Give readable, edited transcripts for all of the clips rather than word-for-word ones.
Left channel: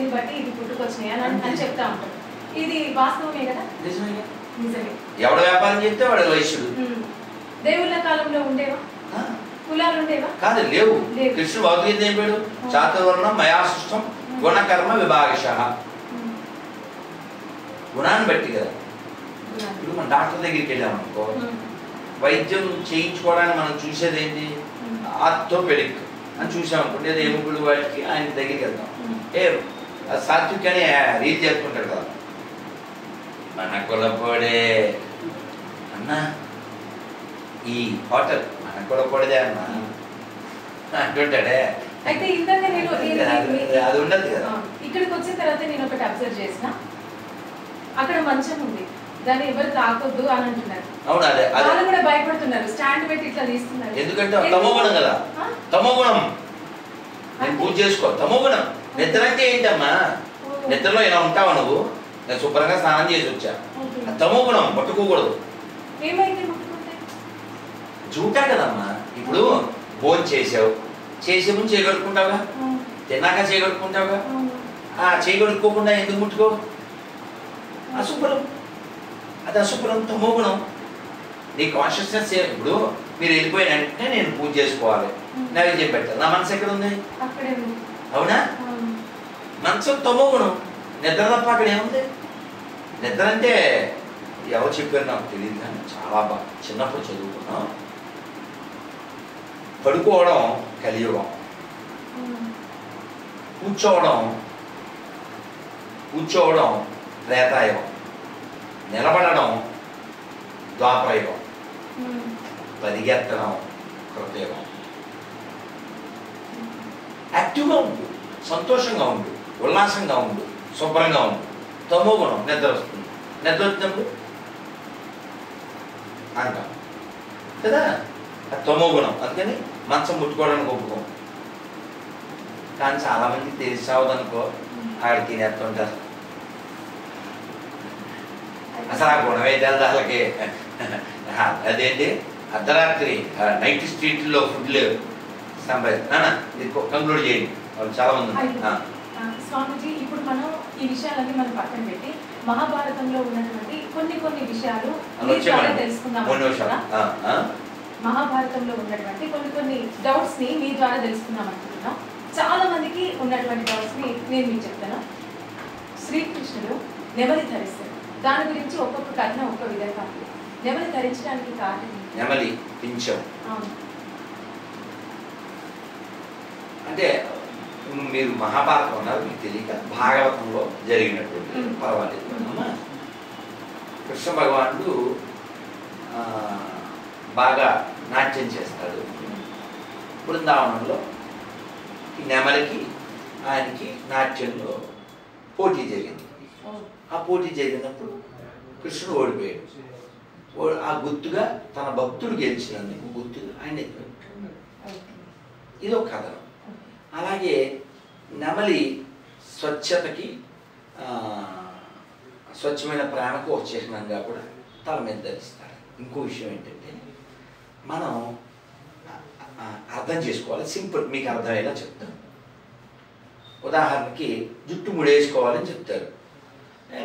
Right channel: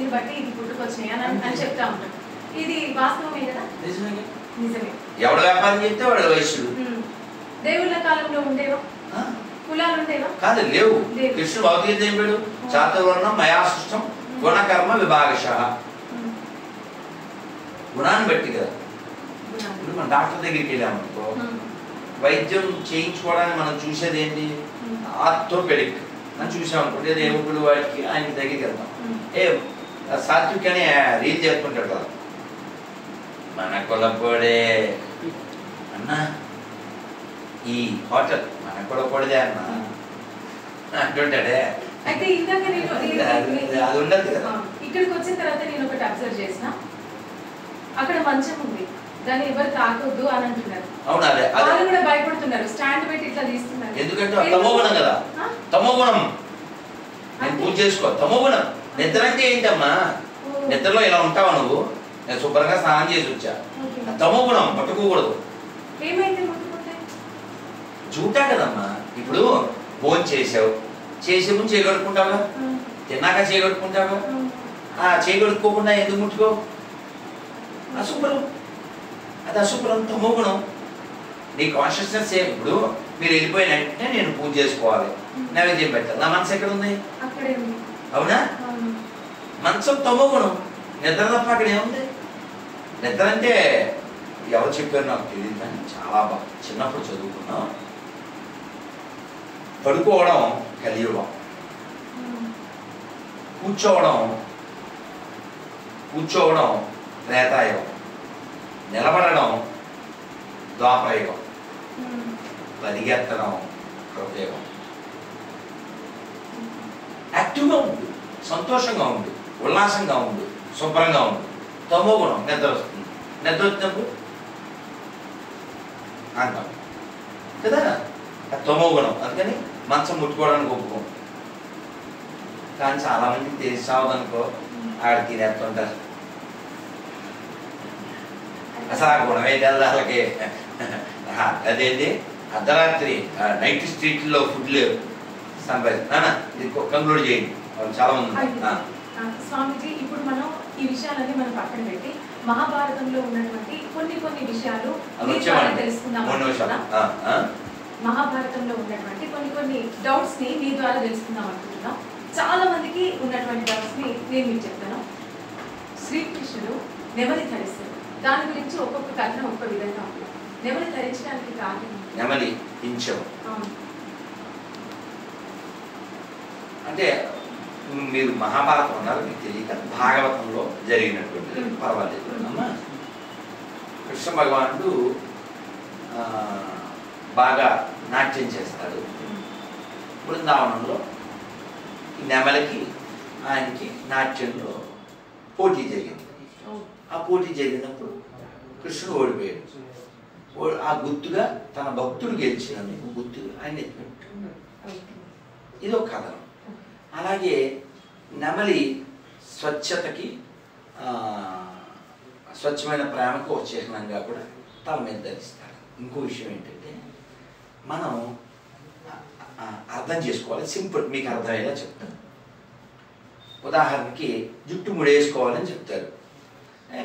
దీన్ని బట్టి ఇది పుట్టుకొచ్చినాయి అని చెప్తా ఉంటాం. ఇది వాస్తవమే కదా? నిజమే. ఎవడు వ్యాపారం చెప్తే వాడు వైశ్యుడు. దేవుళ్ళ కాలంలో ఉండేవా కులాలు? ఉండేవా? కాదు, లేవు. కృష్ణుడు భౌతికత అయిపోయాడు. చాతుర్వర్ణం మయా సృష్టం గుణకర్మ విభాగశః. గుణాన్ని బట్టి కదా. ఇప్పుడు మన డాక్టర్ దగ్గరికి వెళ్ళామనుకో, వైద్యం చేయించుకోవడానికి మనం చూసేది ఏంటి? ఆర్థోపెడిక్ అని చూసామనుకోండి, ఏదో ఎముకలు వాటికి ఆయన దగ్గరికి వెళ్తాం. సాత్విక్ అని రీల్ చేసుకుంటాడు కదా, మన కులపొడే అన్నా ఈ హోటల్ మన కులపొడిదే అన్నా అంటుంటాడే. అయితే ఇందాక అది ఉండదు కదా. ఇక్కడికి వచ్చిన తర్వాత నేను ఒకటి అబ్జర్వ్ చేసిన, అక్కడ మంచం ఉంది, దాన్ని ఎవరు తాకొద్దు అని అంటున్నారు. అవును, అదే వాళ్ళు కూడా భయపడుతున్నారు, స్టాండ్ పెట్టి ఇట్లా తీస్తున్నారు. ఎందుకంటే తమోగుణం కదా. తమోగుణం నేను పూజ చేసుకో. తమోగుణం. నిద్ర అంటే ఏంటమ్మా? నిద్రలో ఇలా ఉంటావు నువ్వు. నేను శుభ్రంగా స్నానం చేసి వచ్చా. తమోగుణం పట్టుకోకూడదు. ఏమైతే చూటా కదమ్మా. ఇప్పుడు భోజనం చేసావు, చేసే ముందు చేయగలుగుకుంటావుగా, తిన్నాక చేయగలుగుకుంటావుగా. చేయగలుగుకోకుండా ఎందుకు ముట్టుకో? అశుభ్రం. అది అశుభ్రం, తమోగుణం. నీ కాన్షియస్నెస్ ఇప్పుడు మీరు వెళ్ళిపోయిన వెంటనే నేను పూజ చేసుకోవాలి, నైవేద్యం పెట్టాలి. నా మనసు ఎక్కడ ఉంది? అవునా? మనసు తమోగుణం. నిద్ర తప్ప అక్కడ ఏముంది? నిద్ర అంటే ఎవరు చెప్పారు నాకు తెలియదు, కానీ చాలా బాగా చిన్నప్పుడు చదువుకున్నాం. పడుకోవడం కలియుగం, కూర్చోవడం త్రేతాయుగం, నిలబడడం ద్వాపరయుగం, పరిగెత్తడం కృతయుగం. యాక్టివ్గా ఉండు, సంతోషంగా ఉండు, ఉల్లాసంగా ఉండు, శుభ్రంగా ఉండు. తమోగుణం నిద్ర వస్తుంది. నిద్ర వచ్చినప్పుడు అంటాం కదా, అది తమోగుణం. అందుకని మంచం ముట్టుకోవడానికి ఒప్పుకోం. కానీ చాలామందికి తెలిసి సావదనుకో, ఆడ తినేస్తుంటారు. అసలు ఆ గుణమే తెల్లకి. అదేంటి అర్ధరాత్రి నైట్ స్ట్రీట్లో ఫుడ్ లేవు, సంప్రదించి ఇది కంక్లూడ్ చేయండి. వాళ్ళు చాలా మంది ఉన్నారు. స్వామిజీ, ఇప్పుడు మనం ఈ విషయాలన్నీ మనం పక్కన పెట్టి మహాభారతంలో ఉన్నటువంటి కొన్ని విషయాలు తెలుసుకుందాం. మహాభారతంలో ఉన్నటువంటి కొన్ని డౌట్స్ ని మీ ద్వారా తెలుసుకుందాం అనుకుంటున్నాం. చాలా మందికి ఉన్నటువంటి డౌట్స్ ని నేను మీకు చెప్తాను. శ్రీకృష్ణుడు నెమలి ధరిస్తాడు. దాని గురించి ఒక్కొక్క కథనం ఒక్క విధంగా ఉంది. నెమలి ధరించడానికి కారణం నెమలి పింఛం అంటే మీరు మహాభారతం అన్నారు, మీకు తెలియక భాగవతంలో జరిగినటువంటి పర్వాలేదు అమ్మా. కృష్ణ భగవానుడు బాగా నాట్యం చేస్తాడు. బృందావనంలో ఈ నెమలికి ఆయనకి నాట్యంలో పోటీ జరిగింది. ఆ పోటీ జరిగినప్పుడు కృష్ణుడు ఓడిపోయాడు. ఆ గుర్తుగా తన భక్తుడు గెలిచినందుకు గుర్తుగా ఆయన ఇది ఒక కథనం. అలాగే నెమలి స్వచ్ఛతకి స్వచ్ఛమైన ప్రేమకు ఒక చిహ్నంగా కూడా తల మీద ధరిస్తారు. ఇంకో విషయం ఏంటంటే మనం అర్థం చేసుకోవాలి. సింపుల్, మీకు అర్థమయ్యేలా చెప్తాను. ఉదాహరణకి జుట్టు ముడేసుకోవాలని చెప్తారు.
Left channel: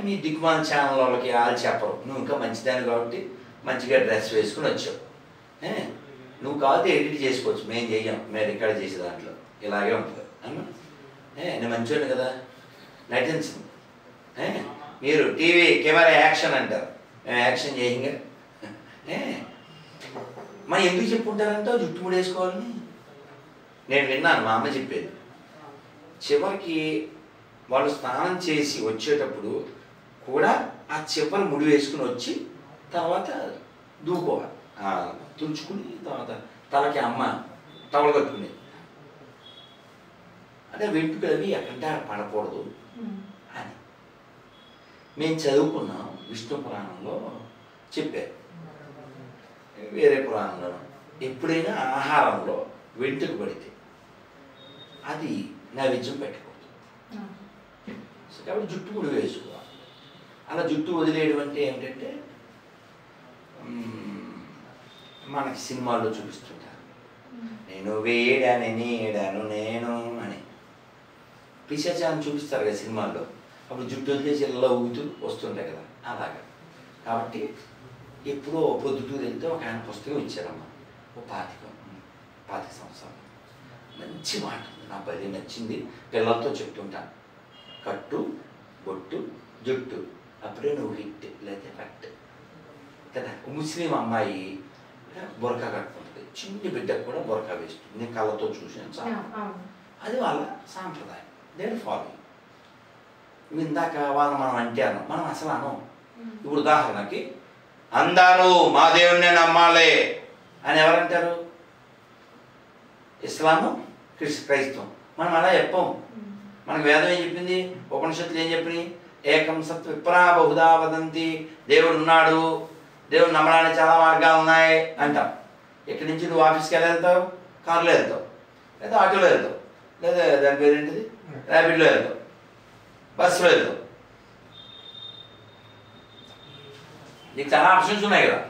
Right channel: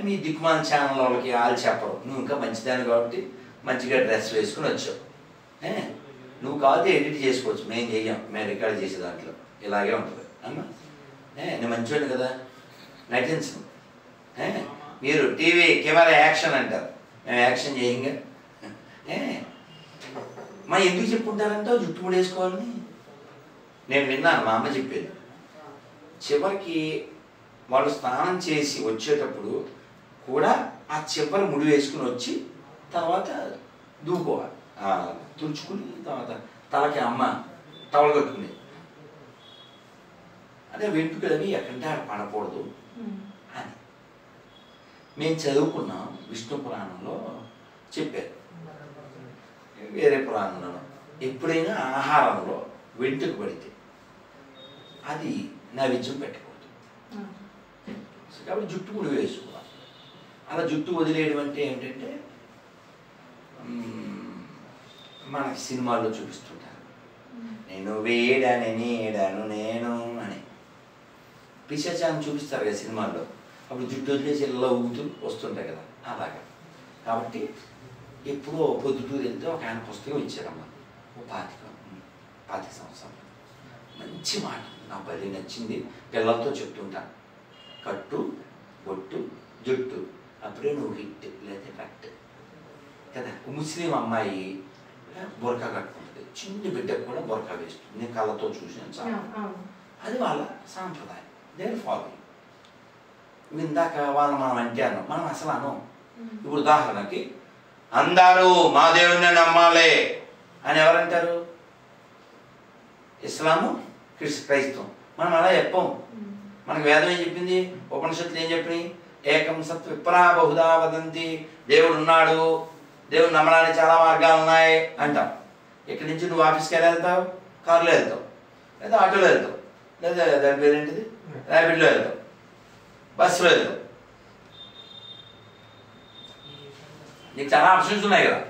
మీ దిక్కుమాల ఛానల్ వాళ్ళకి వాళ్ళు చెప్పరు. నువ్వు ఇంకా మంచిదాన్ని కాబట్టి మంచిగా డ్రెస్ వేసుకుని వచ్చావు. నువ్వు కాదు ఎడిట్ చేసుకోవచ్చు, మేము చెయ్యం, మేము రికార్డ్ చేసే దాంట్లో ఇలాగే ఉంటుంది అమ్మా. నేను మంచివాడు కదా, నటించను. మీరు టీవీ కెమెరా యాక్షన్ అంటారు, మేము యాక్షన్ చేయంగా. మా ఎందుకు చెప్పుకుంటారంటే జుట్టు ముడేసుకోవాలని. నేను విన్నాను, మా అమ్మ చెప్పేది. చివరికి వాళ్ళు స్నానం చేసి వచ్చేటప్పుడు కూడా ఆ చివరి ముడి వేసుకుని వచ్చి తర్వాత దూకోవాలి, తుడుచుకుని తర్వాత తలకి అమ్మ టవల్ కట్టుకునేది. అంటే వెంట్రుకలవి ఎక్కడంటే పడకూడదు అని మేము చదువుకున్నాం. విష్ణు పురాణంలో చెప్పారు, వేరే పురాణంలో ఎప్పుడైనా ఆహారంలో వెంట్రుక పడితే అది నైవేద్యం పెట్టకూడదు. కాబట్టి జుట్టు ముడి వేసుకోవాలి. అలా జుట్టు వదిలేయడం అంటే ఏంటంటే మనకి సినిమాల్లో చూపిస్తుంటారు, నేను వేడాను నీడాను నేను అని. పిశాచాన్ని చూపిస్తారు కదా సినిమాల్లో, అప్పుడు జుట్టు వదిలేసి ఇలా ఊగుతూ వస్తుంటాయి కదా అలాగా. కాబట్టి ఎప్పుడో పొద్దుటూరు వెళ్తే ఒక ఆయన పుస్తకం ఇచ్చారమ్మా, ఓ 25 సంవత్సరాలు. మంచి మాట నా బలి నచ్చింది, పిల్లలతో చెప్తుంటాను. కట్టు బొట్టు జుట్టు అప్పుడే నువ్వు హిట్ లేదా కట్ కదా. ముస్లిం అమ్మాయి బొరకా కట్టుకుంటుంది, చిన్ని బిడ్డకు కూడా బొరకా వేస్తుంది. నేను కళ్ళతో చూసాను చాలా. అది వాళ్ళ సాంప్రదాయం, దేని ఫాలో. ఇందాక వాళ్ళు మనం అంటే అన్నాం, మనం అసలు అనం. ఇప్పుడు ఉదాహరణకి అందరూ మా దేవుడిని నమ్మాలి అని ఎవరంటారు? ఇస్లాము క్రైస్తవం. మనం అలా చెప్పాం. మనకు వేదం ఏం చెప్పింది, ఉపనిషత్తులు ఏం చెప్పినాయి? ఏకం సత్ విప్రా బహుదా వదంతి, దేవుడు ఉన్నాడు, దేవుడు నమ్మడానికి చాలా మార్గాలు ఉన్నాయి అంటాం. ఇక్కడి నుంచి నువ్వు ఆఫీస్కి ఎలా వెళ్తావు? కారులో వెళ్తావు, లేదా ఆటోలో వెళ్తావు, లేదా దాని పేరేంటిది ర్యాపిడ్లో వెళ్తావు, బస్సులో వెళ్తావు. నీకు చాలా ఆప్షన్స్ ఉన్నాయి కదా.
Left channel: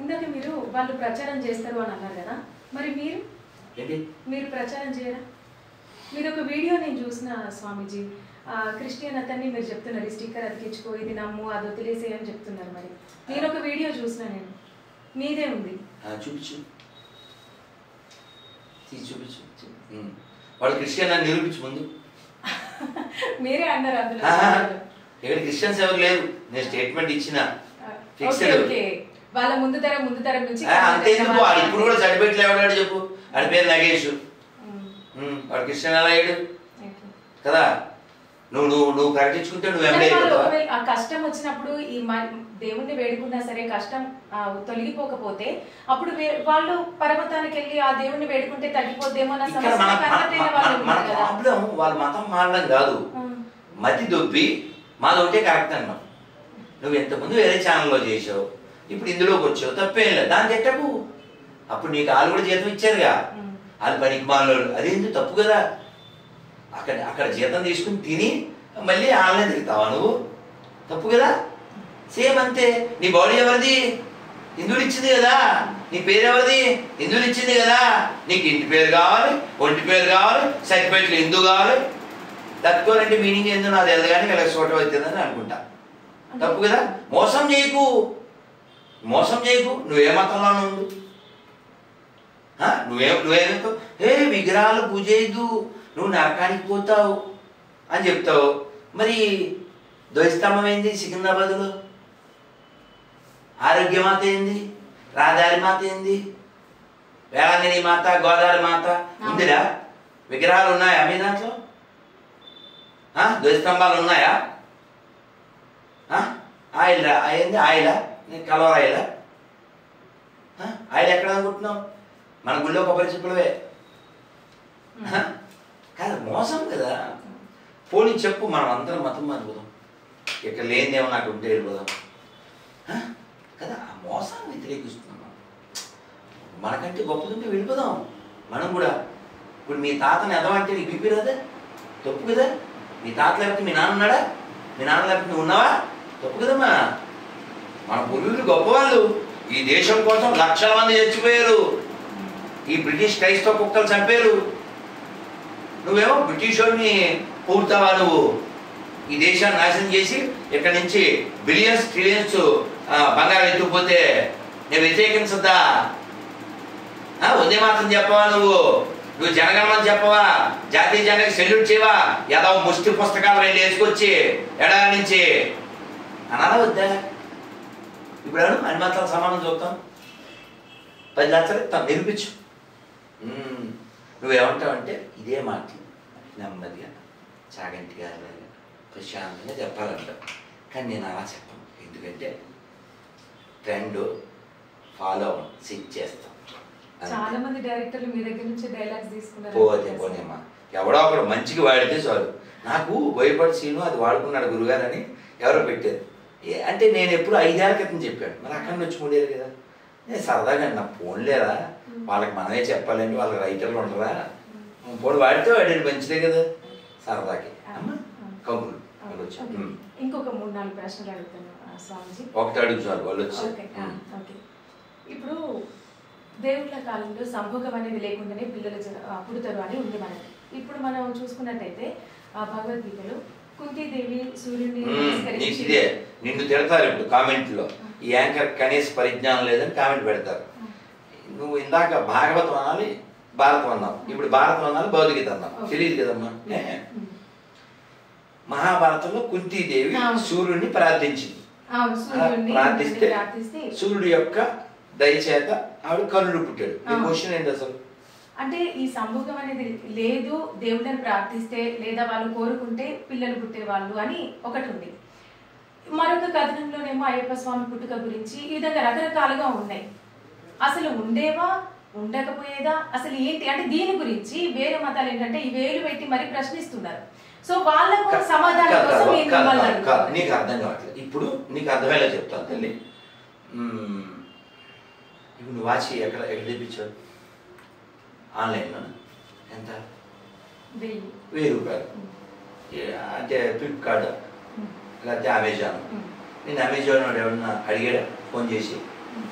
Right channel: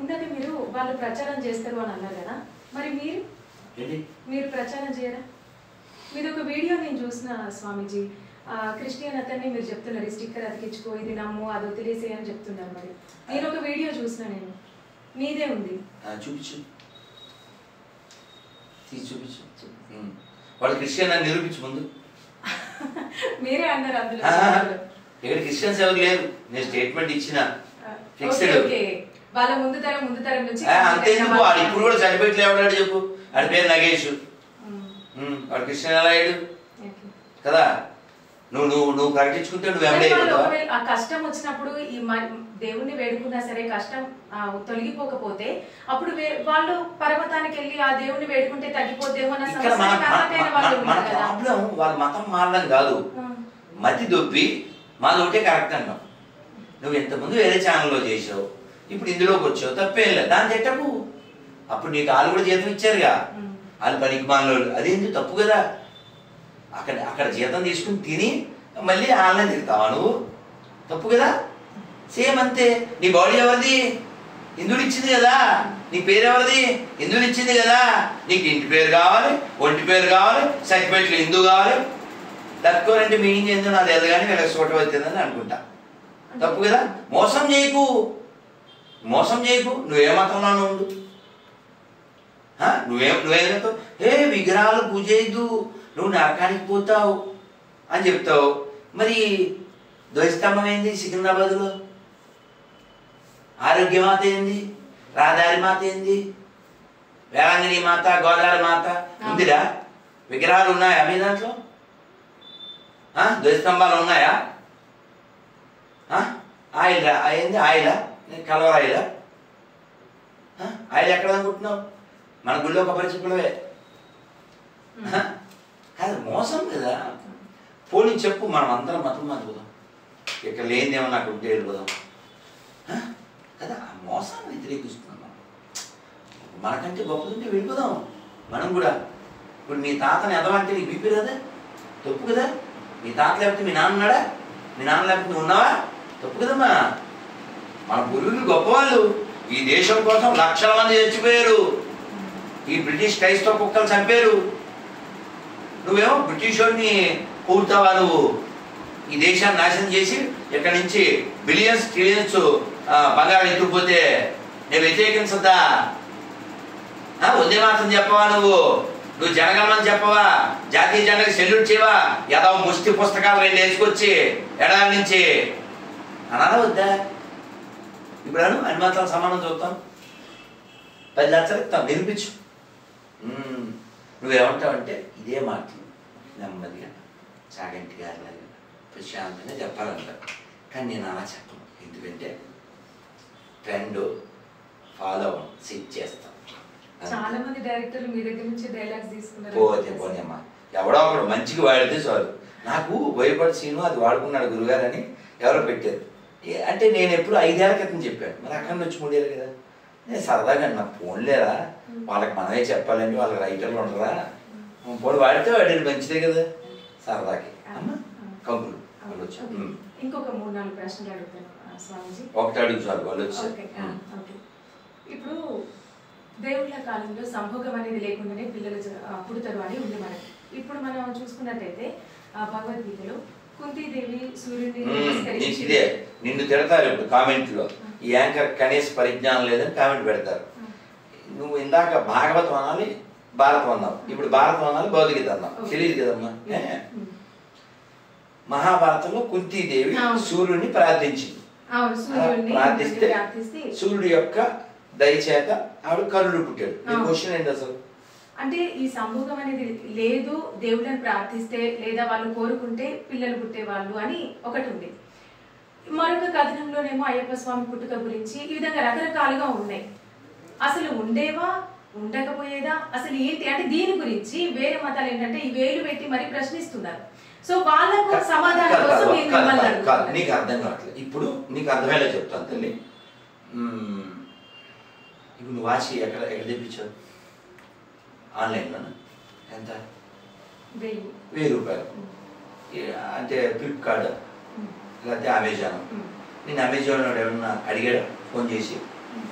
ఇందాక మీరు వాళ్ళు ప్రచారం చేస్తారు అని అన్నారు కదా, మరి మీరు ప్రచారం చేయరా? మీరు ఒక వీడియో నేను చూసిన స్వామీజీ, క్రిస్టియన్ అతన్ని మీరు చెప్తున్నారు ఈ స్టిక్కర్ అతికించుకో, ఇది నమ్ము, అది వదిలేసే అని చెప్తున్నారు. మరి నేను ఒక వీడియో చూసిన, నేను మీదే ఉంది, చూపించు వాళ్ళు క్రిస్టియన్ అని నిరూపించు ముందు. మీరే అన్నారు అందులో. ఇక్కడ క్రిస్టియన్స్ ఎవరు లేరు, నేను స్టేట్మెంట్ ఇచ్చిన ఫిక్స్డ్. వాళ్ళ ముందు తరం నుంచి అంతే. వాడు ఇప్పుడు కూడా సర్టిఫికెట్లు ఎవడాడు చెప్పు? వాడి పేరు నగేష్, వాడు క్రిస్టియన్ ఎలా అయ్యాడు కదా. నువ్వు ప్రకటించుకుంటే నువ్వు ఆ కష్టం వచ్చినప్పుడు ఈ దేవుణ్ణి వేడుకున్నా సరే కష్టం తొలగిపోకపోతే అప్పుడు వాళ్ళు పర్వతానికి వెళ్ళి ఆ దేవుణ్ణి వేడుకుంటే తగ్గిపోద్దేమో. మన ప్రాబ్లం వాళ్ళ మతం మారడం కాదు, మతి దొప్పి మాది ఒకటే కరెక్ట్ అన్నాం. నువ్వు ఇంతకుముందు వేరే ఛానల్లో చేసావు, ఇప్పుడు ఇందులోకి వచ్చావు, తప్పేం లేదు, దాన్ని తిట్టకు. అప్పుడు నీకు వాళ్ళు కూడా జీతం ఇచ్చారుగా, వాళ్ళు పనికి మానవులు, అదేంటి తప్పు కదా. అక్కడ జీతం తీసుకుని తిని మళ్ళీ ఆన్లైన్ తిరుగుతావా నువ్వు? తప్పు కదా. సేమ్ అంతే. నీ బాడీ ఎవరిది? హిందువులు ఇచ్చింది కదా. నీ పేరు ఎవరిది? హిందువులు ఇచ్చింది కదా. నీకు ఇంటి పేరు కావాలి, ఒంటి పేరు కావాలి, సర్టిఫికెట్లు హిందూ కావాలి. తక్కువనంటే మీనింగ్ ఏందో నాకు తెలియదు కానీ వీళ్ళకి సోట అవుతుందని అనుకుంటా. తప్పు కదా. మోసం చేయకు, నువ్వే మతంలో ఉండు. నువ్వేదో విగ్రహాలు పూజ చేయద్దు, నువ్వు నరకానికి పోతావు అని చెప్తావు. మరి ధ్వజస్తంభం ఏంది సికింద్రాబాద్లో? ఆరోగ్యమాత ఏంది? రాధారి మాత ఏంది? వేళాంగిని మాత, గోదావరి మాత ఉందిరా? విగ్రహాలు ఉన్నాయా మీ దాంట్లో? ధ్వజస్తంభాలు ఉన్నాయా? ఆయిల్ ఏంది? ఆయిలా? కలవర ఆయిలా? ఆయిల్ ఎక్కడ అనుకుంటున్నావు? మన గుళ్ళో కొబ్బరి చిప్పలవే కాదు. మోసం కదా. పోనీ చెప్పు, మనం అందరం మతం అనుకుందాం, ఇక్కడ లేనిదేమో నాకు ఉంటే వెళ్ళిపోదాం కదా. ఆ మోసాన్ని వ్యతిరేకిస్తున్నాం మనం. మనకంటే గొప్పదుంటే వెళ్ళిపోదాం మనం కూడా. ఇప్పుడు మీ తాతని ఎదవంటే నీకు బీపీ రాదా? తప్పు కదా. మీ తాత లేకపోతే మీ నాన్న ఉన్నాడా? మీ నాన్న లేకపోతే నువ్వు ఉన్నావా? తప్పు కదమ్మా. మన పూర్వీకులు గొప్పవాళ్ళు. ఈ దేశం కోసం లక్షల మంది చచ్చిపోయారు. ఈ బ్రిటిష్ క్రైస్తవ కుక్కలు చంపారు. నువ్వేమో బ్రిటిష్ వాడిని పూర్తావా? నువ్వు ఈ దేశాన్ని నాశనం చేసి ఇక్కడ నుంచి బిలియన్స్ ట్రిలియన్స్ బంగారం ఎత్తుకుపోతే నేను వ్యతిరేకించద్దా? ఉదయ మాత్రం చెప్పవా? నువ్వు జనగణమని చెప్పవా? జాతీయ జెండాకి సెల్యూట్ చేయవా? ఏదో ముష్టి పుస్తకాలు 2 వేసుకొచ్చి ఎడారి నుంచి అనాలా వద్దా? ఇప్పుడు అన్ని మాత్రం సమానం చూద్దాం, 10 లక్షలు ఇస్తాం, నిరూపించు. నువ్వేమంటావంటే ఇదే మాట నెమ్మదిగా చాగంటి గారు ప్రశాంతంగా చెప్పాలంట. కానీ నేను అలా చెప్పను, ఎందుకంటే ట్రెండ్ ఫాలో సెట్ చేస్తాం. చాలా మంది డైరెక్టర్లు మీ దగ్గర నుంచి డైలాగ్స్ తీసుకున్నారు. పోనేమ్మా, ఎవడో ఒకడు మంచిగా వాడితే చాలు. నాకు భయపడి సీను అది వాడుకున్నాడు గురుగారు అని ఎవరో పెట్టారు. అంటే నేను ఎప్పుడు 5 ఏళ్ల క్రితం చెప్పాను, మరి అక్కడ నుంచి 3 ఏళ్ళు కదా. నేను సరదాగా నా ఫోన్లేరా, వాళ్ళకి మనమే చెప్పాలంటే వాళ్ళకి రైటర్లు ఉండరా, పోనీ వాడితే వాడి మంచిదే కదా సరదాకి కబుర్లు. ఇంకొక 3-4 ప్రశ్నలు అడుగుతాను స్వామీజీ. ఒకటి అడుగు చాలు వాళ్ళు వచ్చి. ఇప్పుడు దేవుళ్ళ కాలంలో సంభోగం అనేది లేకుండానే పిల్లలు పుడతారు అని ఉంది మనకి. ఇప్పుడు మనం చూసుకున్నట్టయితే భగవద్గీతలో కుంతీదేవి సూర్యుడిని ఇదే నిన్ను తిడతారు ఇప్పుడు కామెంట్లో, ఈ యాంకర్ కనీస పరిజ్ఞానం లేదని కామెంట్ పెడతారు. నువ్వు ఇందాక భాగవతం అనాలి, భారతం అన్నావు, ఇప్పుడు భారతం అనాలి, భగవద్గీత అన్నావు, తెలియదు కదమ్మా. మహాభారతంలో కుంతీదేవి సూర్యుడిని ప్రార్థించింది. ప్రార్థిస్తే సూర్యుడి యొక్క దయచేత ఆవిడ కర్ణుడు పుట్టాడు. ఈ క్వశ్చన్ ఏంటి అసలు? అంటే ఈ సంభోగం అనేది లేదు, దేవుళ్ళని ప్రార్థిస్తే లేదా వాళ్ళు కోరుకుంటే పిల్లలు పుట్టేవాళ్ళు అని ఒకటి ఉంది. మరొక కథనంలోనేమో అయ్యప్ప స్వామి పుట్టుక గురించి ఈ విధంగా రకరకాలుగా ఉన్నాయి. అసలు ఉండేవా, ఉండకపోయేదా, అసలు ఏంటి అంటే దీని గురించి వేరే మతాలు ఏంటంటే ఈ వేలు పెట్టి మరి ప్రశ్నిస్తున్నారు. సో వాళ్ళకు సమాధానం కోసం నీకు అర్థం కావట్లేదు. ఇప్పుడు నీకు అర్థమయ్యేలా చెప్తాను తల్లి. ఇప్పుడు నువ్వు వాచి ఎక్కడ తెప్పించావు? ఆన్లైన్లో ఎంత? 1000 రూపాయలు. అంటే ఫ్లిప్కార్ట్ లేకపోతే అమెజాన్. నేను అమెజాన్ ఎవరన్నా అడిగాడు ఫోన్ చేసి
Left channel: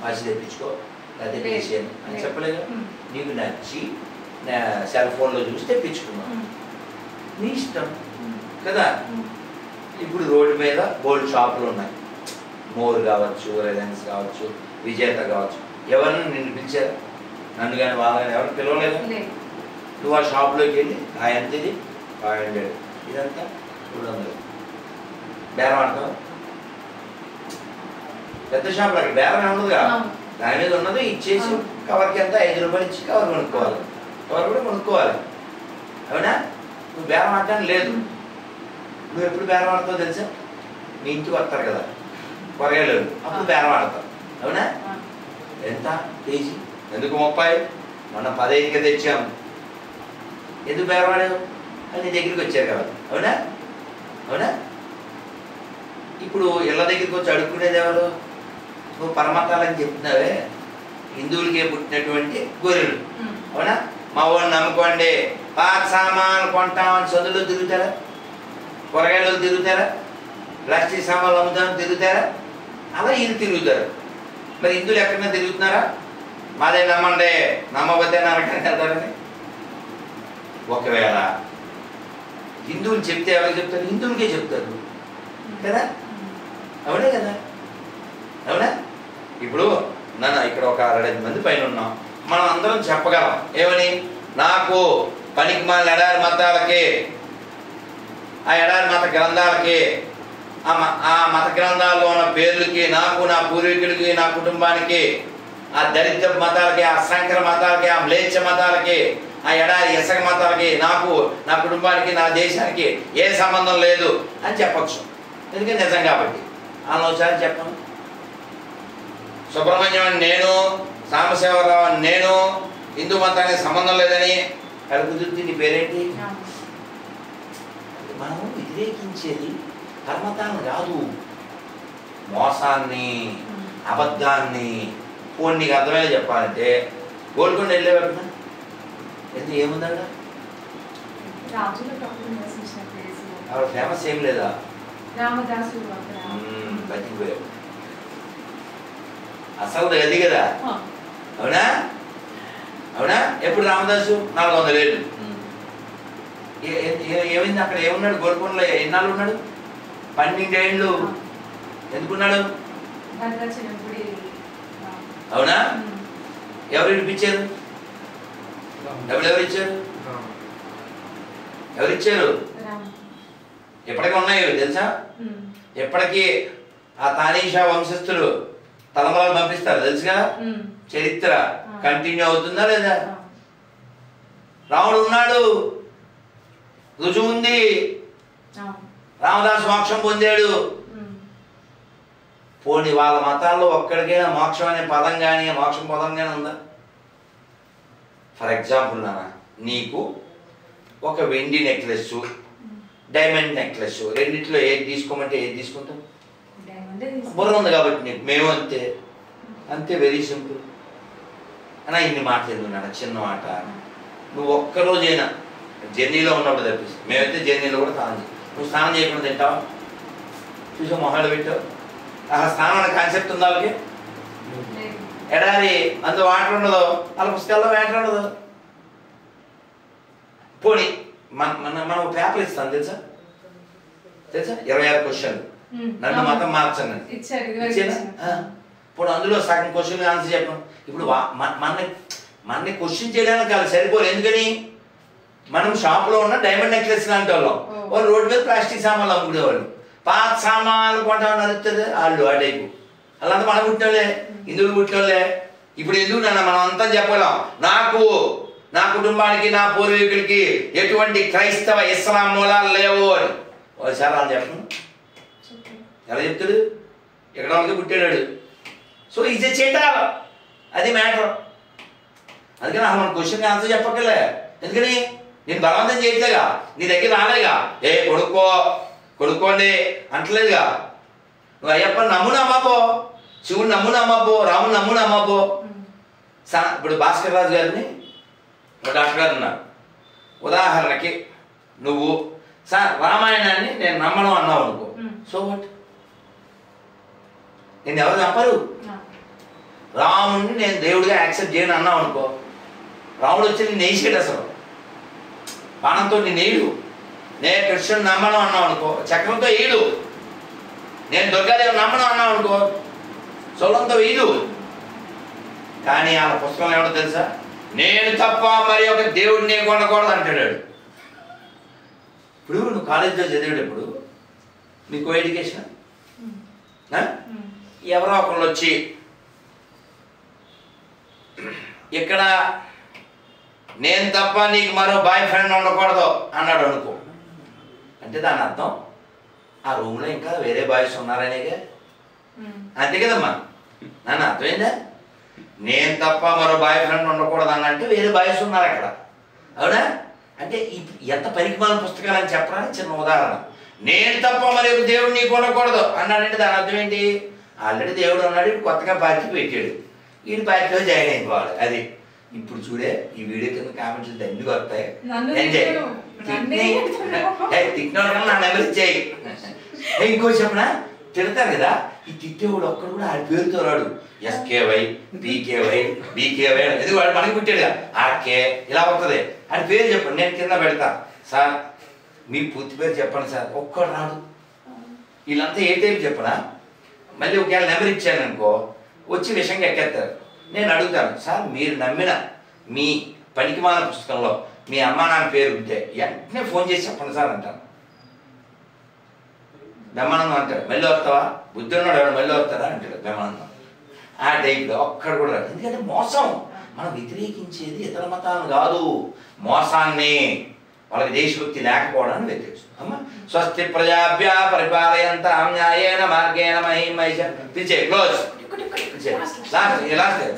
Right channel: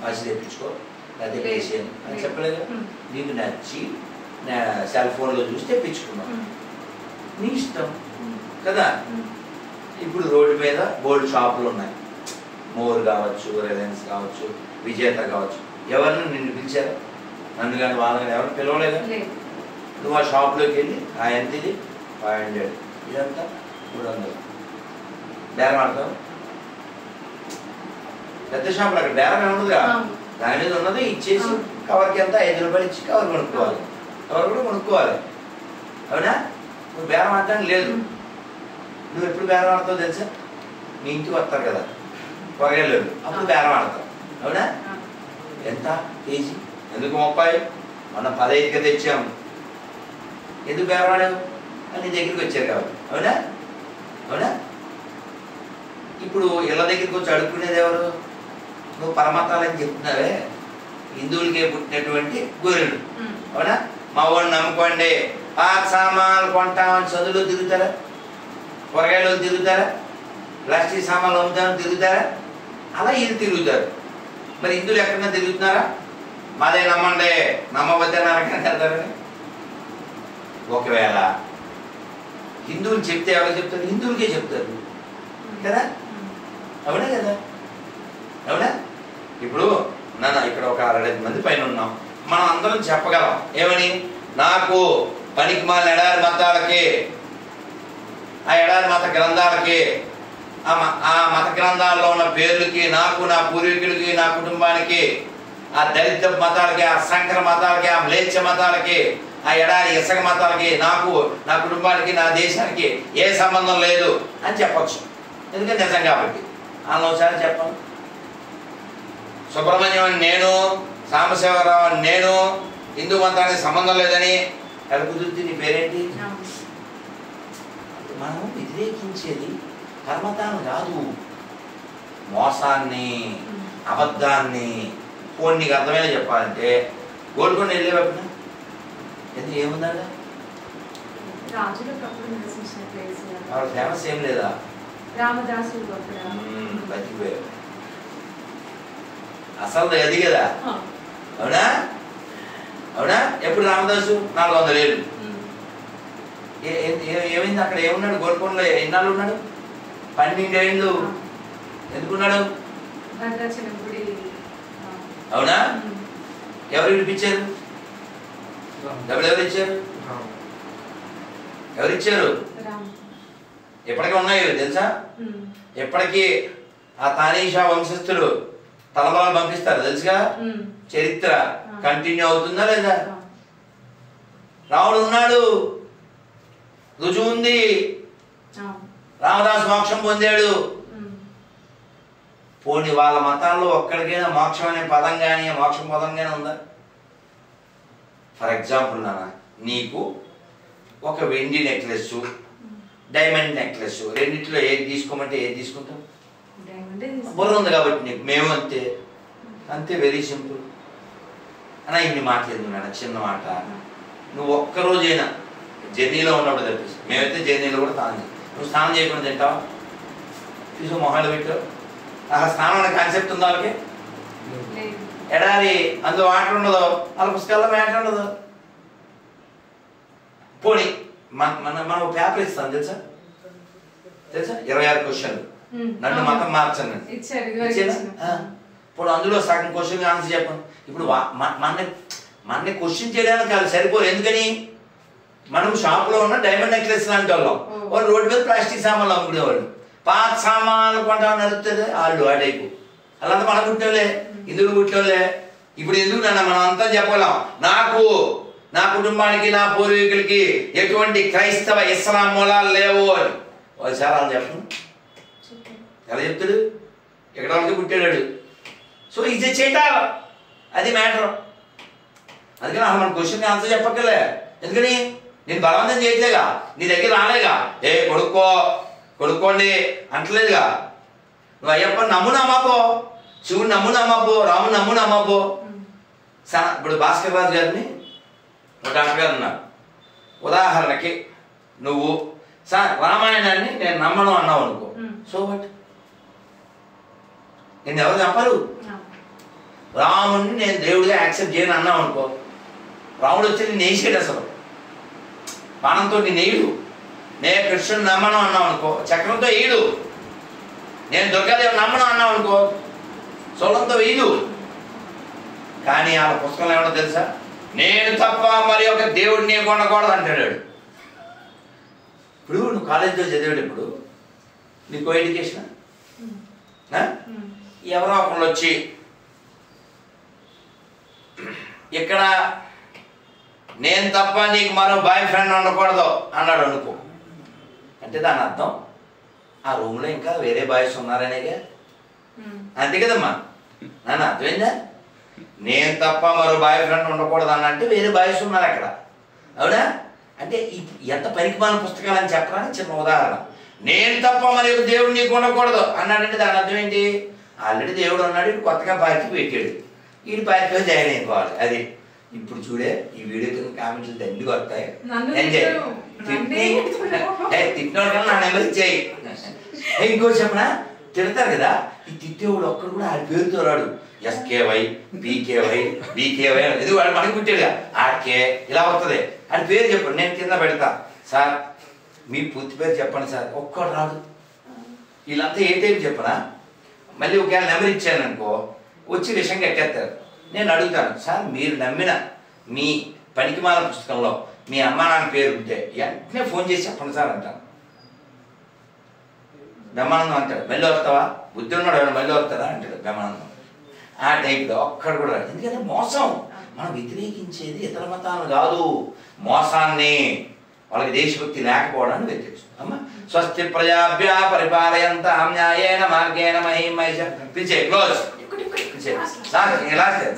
వాచి తెప్పించుకో లేకపోతే వేసేయను అని చెప్పలేదు. నీకు నచ్చి సెల్ ఫోన్లో చూసి తెప్పించుకున్నావు, నీ ఇష్టం కదా. ఇప్పుడు రోడ్డు మీద బోల్డ్ షాపులు ఉన్నాయి, మోర్ కావచ్చు, రిలయన్స్ కావచ్చు, విజేత కావచ్చు. ఎవరిని నిన్ను పిలిచారా? నన్ను కానీ వాళ్ళ ఎవరు పిలవలేదా? నువ్వు ఆ షాప్లోకి వెళ్ళి ఆ ఎంత ఇది 500, ఇదంతా 200 బేరం ఆడతావు. పెద్ద షాపులు అక్కడ బేరం ఉండదుగా, దాని మీద ఉన్నది ఇచ్చేసి కవర్కి ఎంత 5 రూపాయలు ఇచ్చి కవర్ కొనుక్కోవాలి, కవర్ కూడా కొనుక్కోవాలి. అవునా? నువ్వు బేరం ఆడటానికి లేదు. నువ్వు ఎప్పుడు బేరం ఆడతావు తెలుసా? మీ ఇంటికి వస్తారు కదా కూరగాయలు, అప్పుడు బేరం ఆడతావు. అవునా? ఎంత కేజీ? ఎందుకు 30? మనం 15కి తెచ్చాము. ఎందుకు బేరం ఆడావు? అని నీ దగ్గరికి వచ్చారు కాబట్టి. అవునా? అవునా? ఇప్పుడు ఇళ్ళ దగ్గరికి వచ్చి అడుక్కునేది ఎవరు? నువ్వు పరమతాలని చెప్తున్నావే, హిందువులకే పుట్టినటువంటి గొర్రెలు. అవునా? మా వాడిని నమ్ముకోండి, పాత సామాన్లు కొంటామని చదువులు తిరుగుతారా? కూరగాయలు తిరుగుతారా? ప్లాస్టిక్ సామాన్లు అమ్ముతామని తిరుగుతారా? అలా వీళ్ళు తిరుగుతారు. మరి హిందువులు ఎక్కడైనా తిరుగుతున్నారా? మాదే నమ్మండి, నమ్మబద్దే నరకని వెళ్తారని. ఒకవేళ హిందువులు చెప్తే ఎవరికి చెప్తారు? హిందువులకే చెప్తారు కదా. అవునా కదా? అవునా? ఇప్పుడు నన్ను ఇక్కడ ఒక 65 మంది పైన ఉన్నాం, మనం అందరం చెప్పగలం ఏమని? నాకు పనికిమాలిన ఎడారి మతాలకి, ఆ ఎడారి మత గ్రంథాలకి, ఆ మత గ్రంథాల్లో ఉన్న పేర్లకి, నాకు, నా పూర్వీకులకి, నా కుటుంబానికి, ఆ దళిత మతాలకి, ఆ సంకర మతాలకి, ఆ మ్లేచ్ఛ మతాలకి, ఆ ఎడారి ఇసక మతాలకి, నాకు, నా కుటుంబానికి, నా దేశానికి ఏ సంబంధం లేదు అని చెప్పచ్చు. ఎందుకంటే నిజం కాబట్టి. ఆలోచన చెప్పను. సుబ్రహ్మణ్యం అని నేను, సాంబశివరావు అని నేను, హిందూ మతానికి సంబంధం లేదని అది కుదిరితే నీ పేరేంటి? మనం వ్యతిరేకించేది కర్మతాన్ని కాదు, మోసాన్ని, అబద్ధాన్ని. పోనీ నీకు అర్థమయ్యేలా చెప్పాలంటే గోల్కొండ వెళ్ళేవాడు ఎందుకు ఏముందా? ఆవిడ ఫేమస్ ఏం లేదా? బతికిపోయాడు. అసలు అది కదా. అవునా? అవునా? ఎప్పుడు రామదాసు 400 ఏళ్ళు. ఏమైంది అక్కడ? ఏమున్నాడు గోల్కొండలో? ఎన్నాళ్ళు ఉన్నాడు? 12 ఏళ్ళు. ఎందుకున్నాడు? అవునా? ఎవరు ఇప్పించారు? ఎవరెవరు ఇచ్చారు? ఎవరిచ్చారు? ఎప్పటికీ ఉన్నాయి తెలుసా? ఎప్పటికీ ఆ తానీషా వంశస్థులు తలంబాలు పంపిస్తారు తెలుసుగా. చరిత్ర కంటిన్యూ అవుతుందా లేదా? రాముడు ఉన్నాడు, రుజువు ఉంది. రామదాసు మోక్షం పొందాడు. పోనీ వాళ్ళ మతాల్లో ఒక్కడికైనా మోక్షం అనే పదం కానీ, మోక్షం పదం కానీ ఉందా? ఫర్ ఎగ్జాంపుల్ నాన్న, నీకు ఒక వెండి నెక్లెస్, డైమండ్ నెక్లెస్, రెండిట్లో ఏది తీసుకోమంటే ఏది తీసుకుంటావు? బుర్ర ఉంది కాబట్టి నీకు. మేము అంతే అంతే, వెరీ సింపుల్. అన్నా ఇన్ని మాట్లాడుతున్నాడు, చిన్న మాట. నువ్వు ఒక్కరోజైనా జర్నీలో ఉన్నప్పుడు తప్పిస్తే, మేమైతే జర్నీలో కూడా స్నానం చేయాలి. నువ్వు స్నానం చేయకుండా తింటావు? చూసి మొహాలు పెట్టావు. స్నానం అనే కాన్సెప్ట్ ఉందా వాళ్ళకి? ఎడారి అందులో వాటర్ ఉండదు, వాళ్ళ పుస్తకాల్లో వాటర్ ఉండదు. పోనీ మనం పేపర్ ఇస్తాం తెలుసా 26 క్వశ్చన్లు నన్ను మతం మార్చండి ఇప్పుడు అందులో సగం క్వశ్చన్ ఆన్సర్ చెప్పండి. ఇప్పుడు మన క్వశ్చన్ చేయడానికి కాదు సరిపోదు. ఎందుకని మనం షాప్లో ఉన్న డైమండ్ నెక్లెస్ లాంటి వాళ్ళం, వాళ్ళు రోడ్డు మీద ప్లాస్టిక్ సామాన్లు అమ్ముకునేవాళ్ళు. పాత సామాన్లు కొంటామని నడుస్తుంది వాళ్ళు ఆ టైపు. అలాంటి మన పుట్టినోళ్ళే, ఇందులో పుట్టినోళ్ళే. ఇప్పుడు ఎందుకు నాన్న మనం అంతా చెప్పగలం, నాకు నా కుటుంబానికి నా పూర్వీకులకి ఎటువంటి క్రైస్తవ ఇస్లాం మూలాలు లేవు అని వాళ్ళు చాలా చెప్పను. ఎలా చెప్తాడు? ఎక్కడ వాళ్ళకి పుట్టాడు. సో ఇది చేట అది మ్యాటర్. అందుకని అసలు మన క్వశ్చన్ ఆన్సర్ చెప్పక్కలే. ఎందుకని నేను బలవంతం చేయట్లేగా, నీ దగ్గర రాలేగా, కొడుకోండి అంటలేదుగా. నువ్వు అయ్యప్ప నమ్మును అమ్మపో, శివుడు నమ్మును అమ్మపో, రాముడు నమ్మును అమ్మపో. ఇప్పుడు భాస్కర్ రాజు గారిని ఒక డాక్టర్ గారు ఉన్నారు. ఉదాహరణకి నువ్వు రామాయణాన్ని నేను నమ్మను అన్నావు అనుకో, సో వాట్? నేను ఎవరు చెప్పరు. రాముడిని నేను దేవుడిగా యాక్సెప్ట్ చేయను అన్నావు అనుకో, రాముడు వచ్చి నేను వేసాడు అసలు బాణంతో నేను వేయడు. నేను కృష్ణుడు నమ్మను అన్నావు అనుకో, చక్రంతో వేయడు. నేను దుర్గాదేవి నమ్మను అన్నావు అనుకో, సోలంతో వేయదు. కానీ ఆ పుస్తకంలో ఏమన్నా తెలుసా, నేను తప్ప మరి ఒక దేవుడిని కొనకూడదు అంటాడు. ఇప్పుడు నువ్వు కాలేజీలో చదివేటప్పుడు మీకు ఎడ్యుకేషన్ ఎవరో ఒకళ్ళు వచ్చి ఇక్కడ నేను తప్ప నీకు మరో బాయ్ ఫ్రెండ్ ఉండకూడదు అన్నాడు అనుకో, అంటే దాని అర్థం ఆ రూమ్లో ఇంకా వేరే బాయ్స్ ఉన్నారనేగా. అంతే కదమ్మా నాన్న, అర్థమైందా? నేను తప్ప మరో బాయ్ ఫ్రెండ్ ఉండకూడదు అన్న అంటే వేరే బాయ్స్ ఉన్నారు అక్కడ, అవునా? అంటే ఎంత పరిమాణ పుస్తకాలు అని చెప్పడానికి చిన్న ఉదాహరణ. నేను తప్ప మరి ఒక దేవుడు నీకు ఉండకూడదు అన్నాడంటే దాని అర్థం ఏంటి? ఆల్రెడీ దేవుడు అన్నాడు, కొత్తగా పార్టీ పెట్టాడు, ఈయన పార్టీలో జాయిన్ అయిపోవాలి. అది ఇప్పుడు చూడే ఈ వీడియో కింద కామెంట్లు దండిగా వస్తాయి. తిట్టినోడు కన్నా నా నెంబర్ ఇచ్చాయి. ఇంకో చెప్పనా, తిడతారు కదా, ఈ తిట్టేవాడు ఒక్కడు కూడా ఆడి పేరుతో రాడు. ఎస్కేవై, పీకేవై, బీకేవై, ఇది వాడు మనకి పుట్టాడుగా, ఆడికే ఇలా వస్తుంది. ఆడి పేరు చెప్పండి, నేను కింద పెడతా. సార్ మీ పూర్తి పేరు చెప్పండి సార్, ఒక్కడు రాడు. వీళ్ళంతా ఏ టైప్ చెప్పనా, మళ్ళీ ఒకవేళ నెంబర్ ఇచ్చాను అనుకో వచ్చి విషయంగా ఎక్కేస్తారు. నేను అడుగుతాను, సార్ మీరు నమ్మిన మీ పనికిమాల పుస్తకంలో మీ అమ్మ నాన్న పేరు ఉంటే వెంటనే ఫోన్ చేసి చెప్పండి సార్ అంటాను. బ్రహ్మానందం అంటాడు, మళ్ళీ వస్తావా, బుద్ధి ఉన్నాడు ఎవరు మళ్ళీ వస్తారా అంటాడు బ్రహ్మానందం. ఆ టైప్లో ఒక్కడు కూడా రాదు. ఎందుకంటే మోసం, మనం వ్యతిరేకించేది ఇతర మతాలను కాదు, మోసాన్ని, వాళ్ళకి దేశభక్తి లేకపోవడాన్ని వ్యతిరేకిస్తాం. అమ్మ స్వస్తి ప్రజాభ్య పరిపాలయంతాం న్యాయేన మార్గేణ మహిం మహిష పిలిచే క్లోజ్ లాస్ట్